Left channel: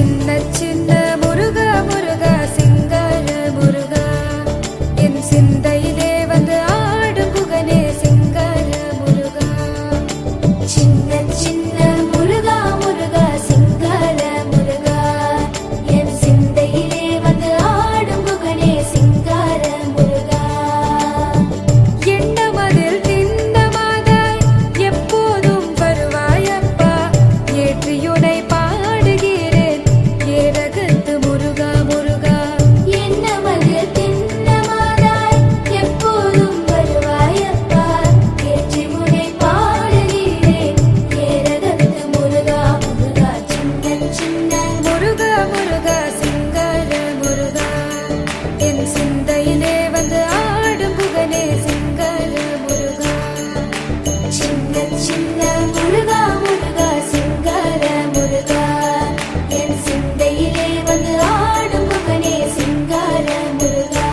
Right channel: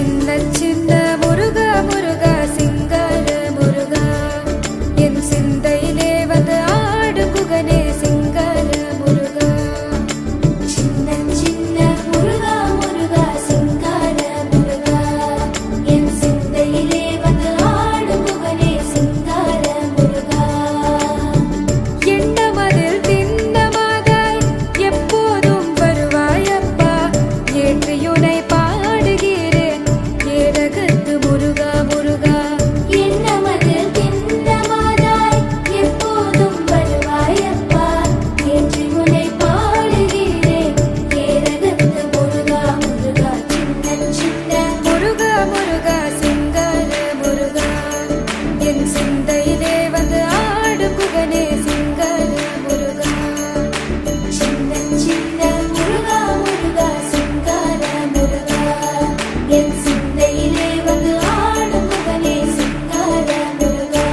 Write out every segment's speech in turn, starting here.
சின்ன சின்ன முருகா முருகா சிங்கார முருகா என் சிந்தையிலே வந்து ஆடும் குகனே சிங்கார முருகா. சின்ன சின்ன முருகா முருகா சிங்கார முருகா என் சிந்தையிலே வந்து ஆடும் குகனே சிங்கார முருகா. எண்ணமதில் திண்ணமாதாய் எப்போதும் வருவாயப்பா ஏற்றியுனை பாடுகிறேன் ஏரகத்து முருகா முருகா. எண்ணமதில் திண்ணமாதாய் எப்போதும் வருவாயப்பா ஏற்றி உனை பாடுகிறேன் ஏரகத்து முருகா முருகா. சின்ன சின்ன முருகா முருகா சிங்கார முருகா என் சிந்தையிலே வந்து ஆடும் குகனே சிங்கார முருகா. சின்ன சின்ன முருகா முருகா சிங்கார முருகா என் சிந்தையிலே வந்து ஆடும் குகனே சிங்கார முருகா.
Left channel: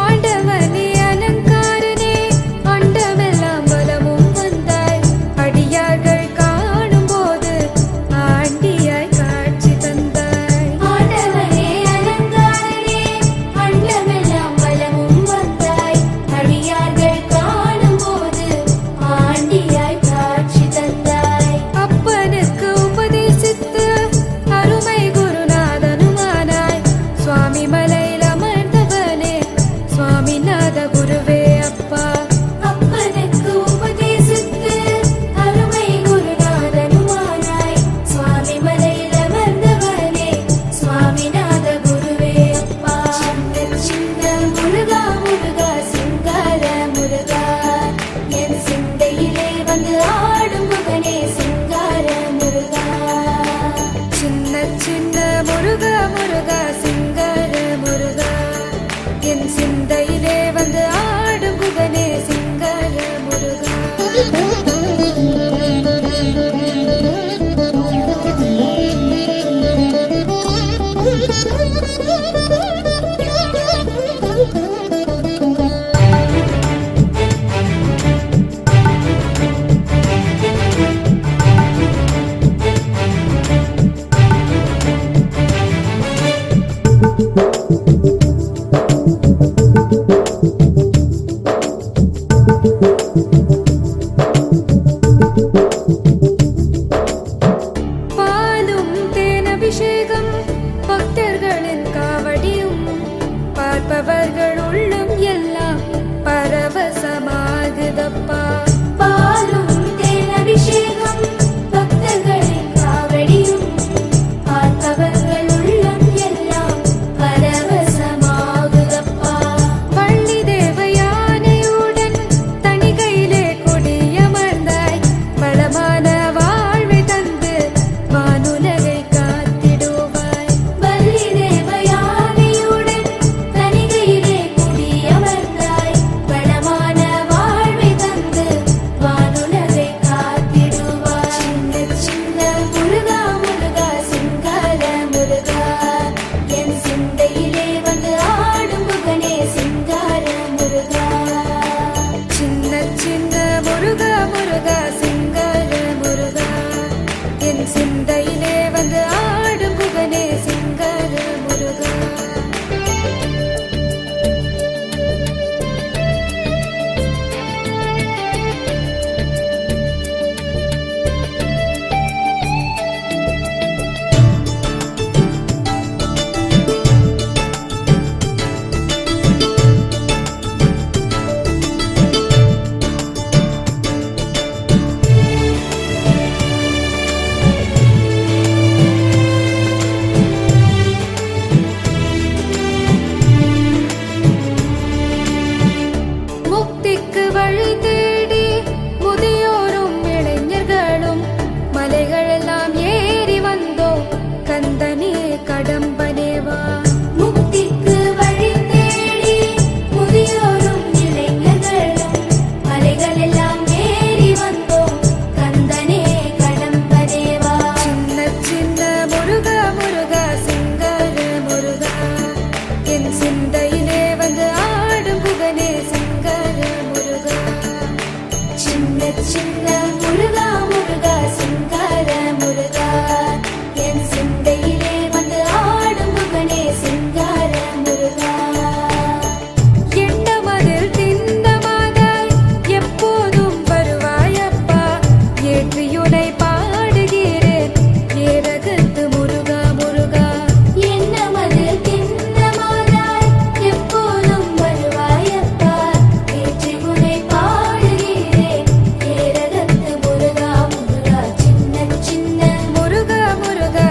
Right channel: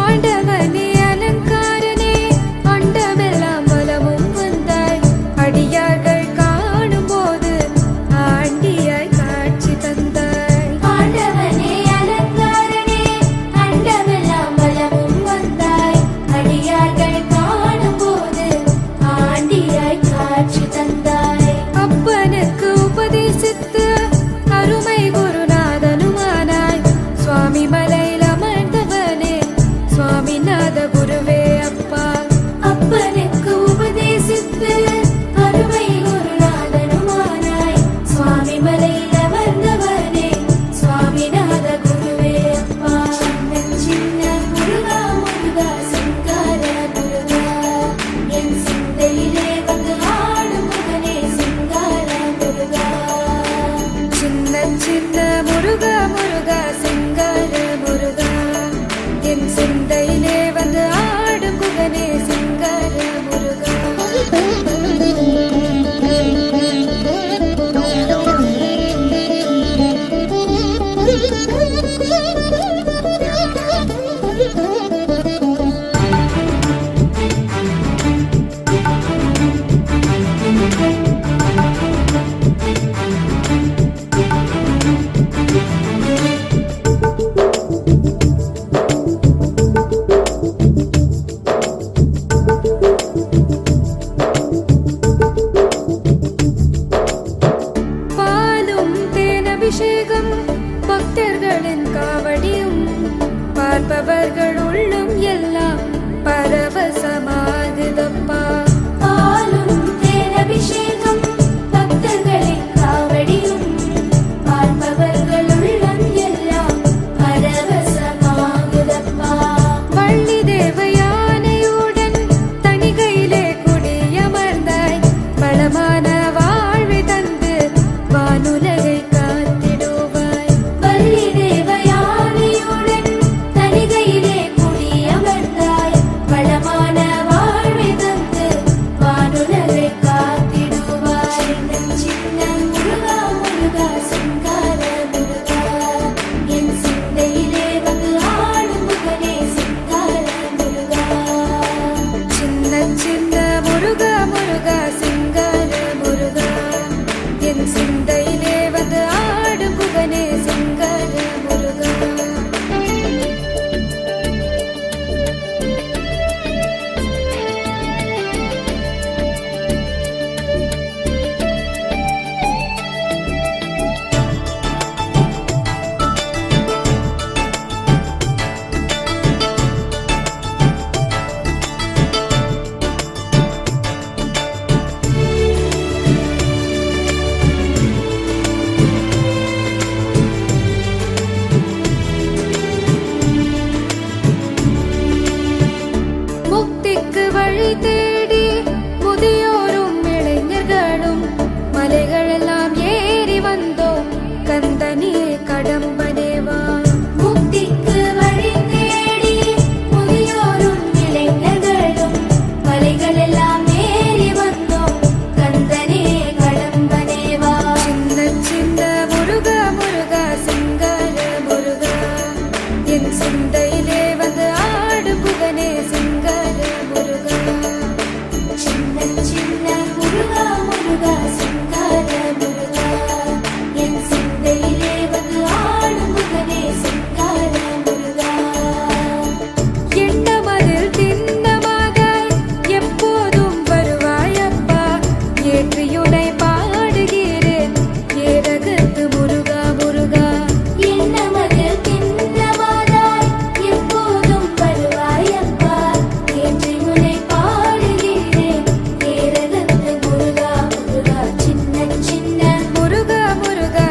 ஆண்டவனே அலங்காரனே அண்டமெல்லாம் வலமும் வந்தாய் அடியார்கள் காணும் போது ஆண்டியாய் காட்சி தந்தாய். ஆண்டவனே அலங்காரனே அண்டமெல்லாம் வலமும் வந்தாய் அடியார்கள் காணும் போது ஆண்டியாய் காட்சி தந்தாய். அப்பனுக்கு உபதேசித்து அருமை குருநாதனுமானாய் சுவாமி மலையில் அமர்ந்தவனே சுவாமிநாத குருவே அப்பா. அப்பனுக்கு உபதேசித்து அருமை குருநாதனுமானாய் சுவாமி மலையில் அமர்ந்தவனே சுவாமிநாத குருவே அப்பா. சின்ன சின்ன முருகா முருகா சிங்கார முருகா என் சிந்தையிலே வந்து ஆடும் குகனே சிங்கார முருகா. சின்ன சின்ன முருகா முருகா சிங்கார முருகா என் சிந்தையிலே வந்து ஆடும் குகனே சிங்கார முருகா. பாலும் தேனபிஷேகம் பக்தர்களின் காவடியும் பார்ப்பவர்கள் உள்ளம் எல்லாம் பரவசமாகுதப்பா. பாலும் தேனபிஷேகம் பக்தர்களின் காவடியும் பார்ப்பவர்கள் உள்ளம் எல்லாம் பரவசமாகுதப்பா. வள்ளி தேவயானையுடன் தணிகையிலே குடியமர்ந்தாய் வளமான வாழ்வை தந்து வானுலகை காத்திடுவாய். வள்ளி தேவயானையுடன் தணிகையிலே குடியமர்ந்தாய் வளமான வாழ்வை தந்து வானுலகை காத்திடுவாய். சின்ன சின்ன முருகா முருகா சிங்கார முருகா என் சிந்தையிலே வந்து ஆடும் குகனே சிங்கார முருகா. சின்ன சின்ன முருகா முருகா சிங்கார முருகா என் சிந்தையிலே வந்து ஆடும் குகனே சிங்கார முருகா. முக்திக்கு வழி தேடி முதியோரும் இளைஞர்களும் மலைகளெல்லாம் ஏறி வந்தோம் கந்தனே கடம்பனேவா. முக்திக்கு வழி தேடி முதியோரும் இளைஞர்களும் சிங்கார முருகா சின்ன சின்ன முருகா முருகா சிங்கார முருகா என் சிந்தையிலே வந்து ஆடும் முகனே சிங்கார முருகா எண்ணமதில் திண்ணமாதாய் எப்போதும் வருவாயப்பா ஏற்றியுனை பாடுகிறேன் ஏரகத்து முருகா முருகா என்னமது திண்ணமாதாய் எப்போதும் வருவாயப்பா ஏற்றி உன்னை பாடுகிறேன் ஏரகத்து முருகா முருகா சின்ன சின்ன முருகா முருகா